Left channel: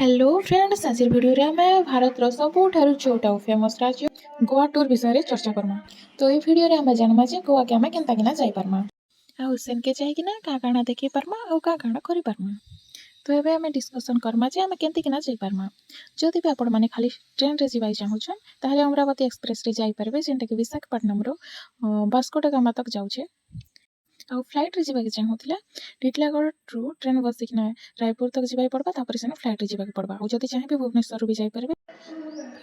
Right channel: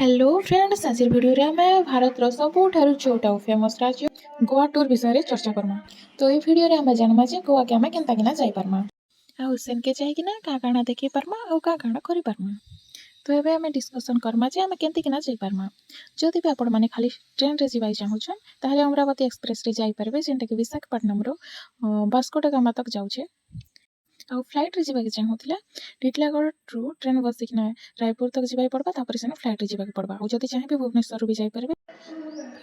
Hello friends, आज video रे आम भारत सबुठारु छोटा फेमस राज्य गोवा टूर विषय रे चर्चा करमा। तो ये वीडियो रे आम जानवा जे गोवा के आम केनता किना जाई परमा आ सेन के जाई किना का काना देखि परमा आ का काना करि परमा। तो एबे आम डिस्कशन करमा जे आम केनती किना जाई परमा। जदि भी आपण माने खाली ट्रेन रे जिबाई चाहुछन ताहले अमरावती एक्सप्रेस रे जाई परबे, जेंटा कि विशाखापट्टनम रो वास्को दा गामा तक जाउछे। आ फ्लाइट रे जिबा के चाहुतिला टिटलागढ़ रु ट्रेन बसिकना रायपुर तक जिबाई पड़बा, तापर सेन फ्लाइट रे जिबा के पड़बा। आ जदि चाहेबे भुवनेश्वर भी जाई परबे।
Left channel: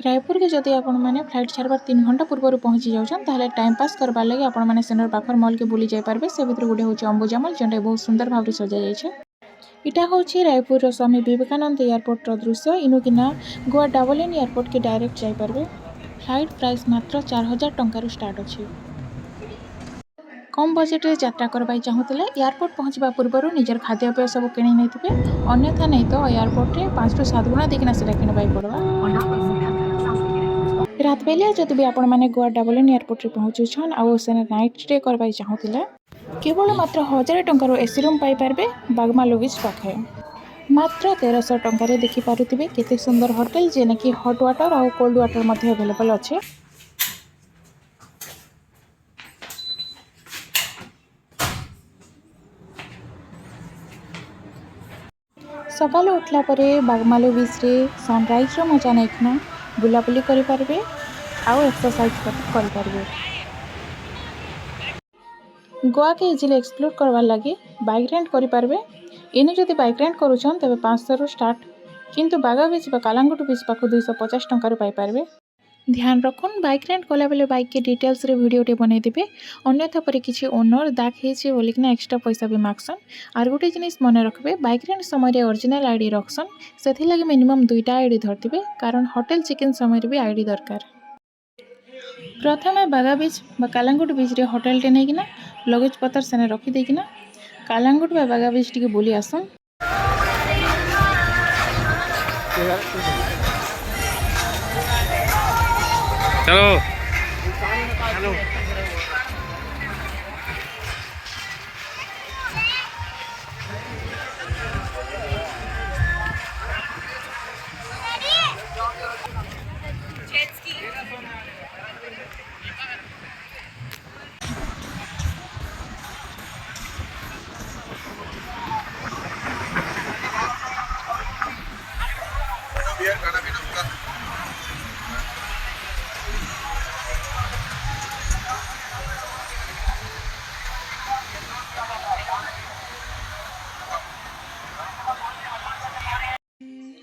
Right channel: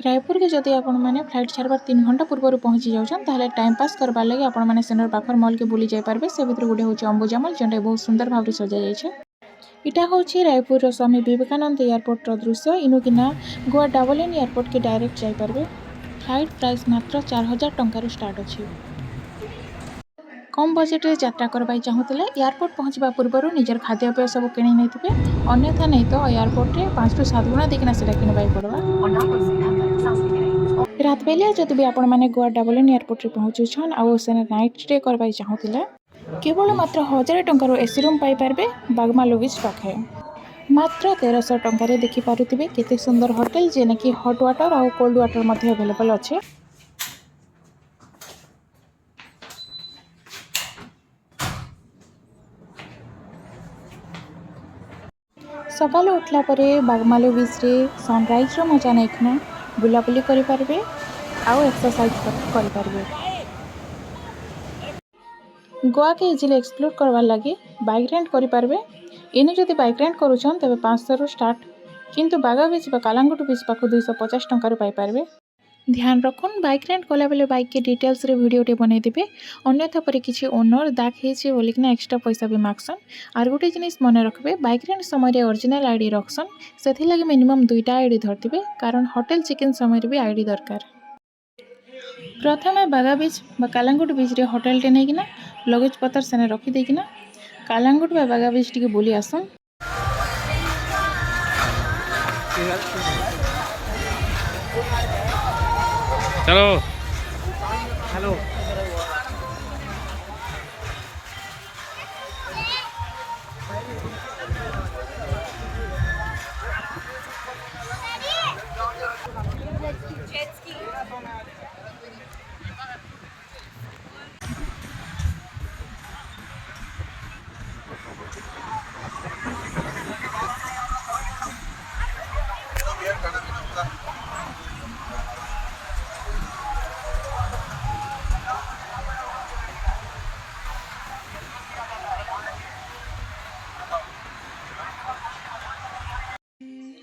रायपुर के जदि आपण माने फ्लाइट छाड़बार 3 घंटा पूर्व पहुंची जाउछन ताहले टाइम पास करबा लागि आपण माने सेनर पाखर मॉल के बुली जाई परबे। से भितर गुडे होचे अंबुजा मॉल, जेंटा बहुत सुंदर भाव सजा जाइछे। इटा होची रायपुर रो स्वामी विवेकानंद एयरपोर्ट रो दृश्य। इनुकिना गोवा डाबलिन एयरपोर्ट के डायरेक्ट जाई परबे। फ्लाइट प्राइस मात्र 4000 टंका रु स्टार्ट अछि। कम बजेट रे यात्रा करबाई चाहुतले एयरपोर्ट पहुँचबा पूर्व निजर खाद्यपेय सब किणी नैथिबे, अन्यथा नहीं तो एयरपोर्ट रे 5 रु 7 गुणा देखिना सेटा किणबाई पड़बा। रात बेले जदि भी आपण माने गोवा डाबलिन एयरपोर्ट रे पहुँचुछन आ सेने नाइट स्टे करबाई चाहुतले केवल मात्र 1000 टंका रो एसी रूम पाई परबे बागमालो बीच पाखे। मात्र 1300 टंका रे देखि पारुथिबे केते सुंदर होटल, जेने कि हॉट वाटर आ कोल्ड वाटर मध्ये अवेलेबल अछि। सकाल उठला परे बागमालो बीच रे सनराइज रो मजा नैखना बुलाबुली करि पारबे आउ एक्सरसाइज करि पारबे। गोवा के इजिली एक्सप्लोर करवार लगी बाइक रेंट करि पारबे। इनु जदि बाइक रेंट करूछन तबे 500 रु स्टार्ट, किंतु बागा बीच बा कालांगुट बीच पाखु 250 टंका रु पाई पारबे। ध्यान रखुन, बाइक रेंट कला बेले बाइक के डिटेल्स रे वीडियो टे बनै देबे, अन्यथा परे किछि ओनर दाग हेचे बोलिकना एक्स्ट्रा पैसा भी मागसन। आर गोटे जिनिस मने रखबे, बाइक रेंट समय रे ओरिजिनल आईडी रखसन, सेथि लागि मिनिमम 2टा आईडी धरतिबे, कारण होटल चेक इन समय रे भी आईडी दरकार। प्रथमे बागा बीच बा कालांगुट बीच रे होटल टे नेकिना लगेज पतर सेने रखि देकिना कालांगुट बा बागा बीच टिके बुली आसन। चलो हेलो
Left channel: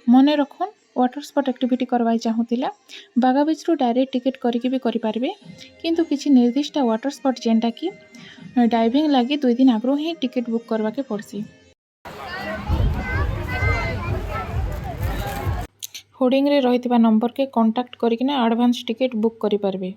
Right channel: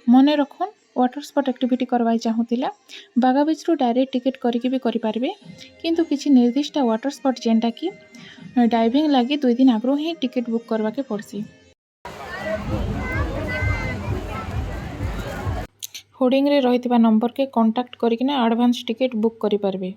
मने रखुन, वाटर स्पोर्ट एक्टिविटी करवाई चाहुतिला बागा बीच रु डायरेक्ट टिकेट करिकि भी करि पारबे, किंतु किछि निर्दिष्ट वाटर स्पोर्ट जेंटा कि डाइविंग लागि 2 दिन आगरो ही टिकेट बुक करवा के पड़सी। होर्डिंग रे रहितबा नंबर के कांटेक्ट करिकिना एडवांस टिकेट बुक करि पारबे।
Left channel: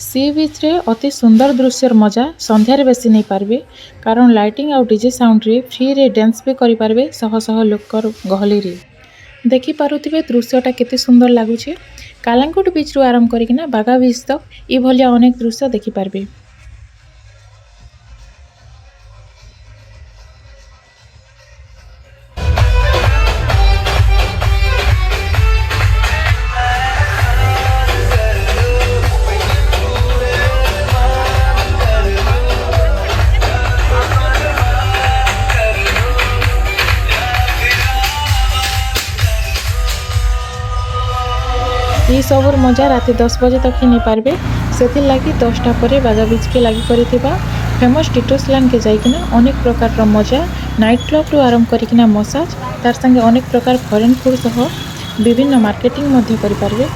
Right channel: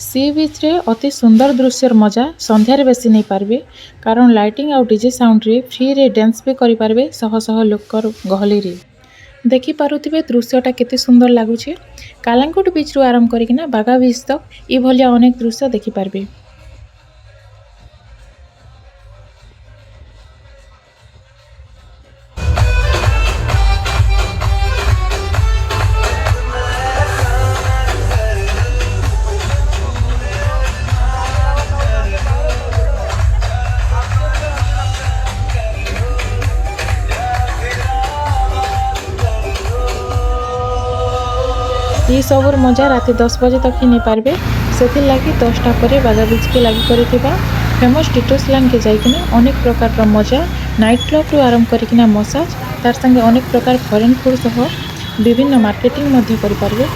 सी बीच रे अति सुंदर दृश्यर मजा संध्यारे बेसी नहीं पारबे, कारण लाइटिंग आउ डीजे साउंड रे फ्री रे डांस भी करि पारबे शह शह लोकर गहली रे। देखि पारुथिबे दृश्यटा केते सुंदर लागुछे। कालांगुट बीच रु आरंभ करिकिना बागा बीच तक ई भलिया अनेक दृश्य देखि पारबे। ये सबुर मजा रात 10 बजे तक ही नहीं पारबे, से लगी 10टा पर बागा बीच के लगी करिथिबा फेमस टिटोस लैंड के जाइकिना अनेक प्रकार मजा नाइट क्लब रु आरंभ करिकिना मसाज तार संगे अनेक प्रकार फॉरेन फूड सह विभिन्न मार्केटिंग मध्य करि पारबे।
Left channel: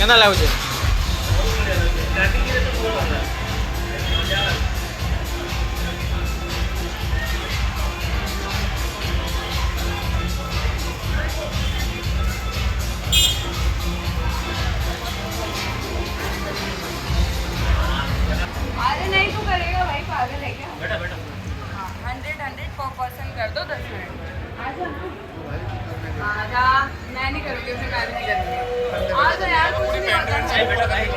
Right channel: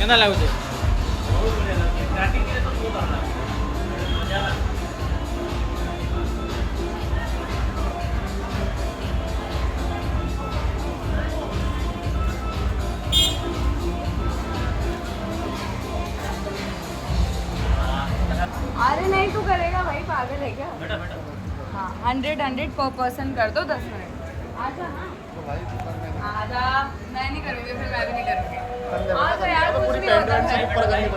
କେନ୍ତା ଲାଗୁଛେ? अरे नहीं तो करेगा भाई, पागल है क्या? 100 पर पर्सन कर दो 10 मिनट। आजा ना, आजा। मैं नहीं करूँगी, फिर मैं भी नहीं करूँगी। आजा यार, कुछ नहीं होता है।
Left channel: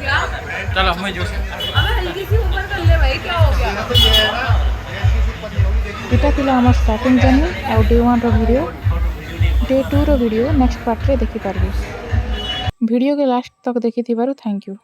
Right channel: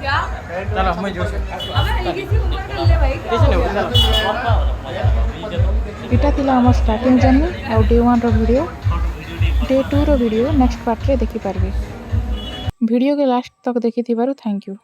क्या? चलो मैं जो अबे हल्की सी ऊपर कर ले भाई, क्या हो गया? इटा थिला हमर स्टार्टिंग जर्नी आउ डे 1 रो वीडियो। डे 2 रो वीडियो नेक्स्ट पार्ट रे देखि पारबे। वीडियो के लास्ट तक देखि थिबारु थैंक यू।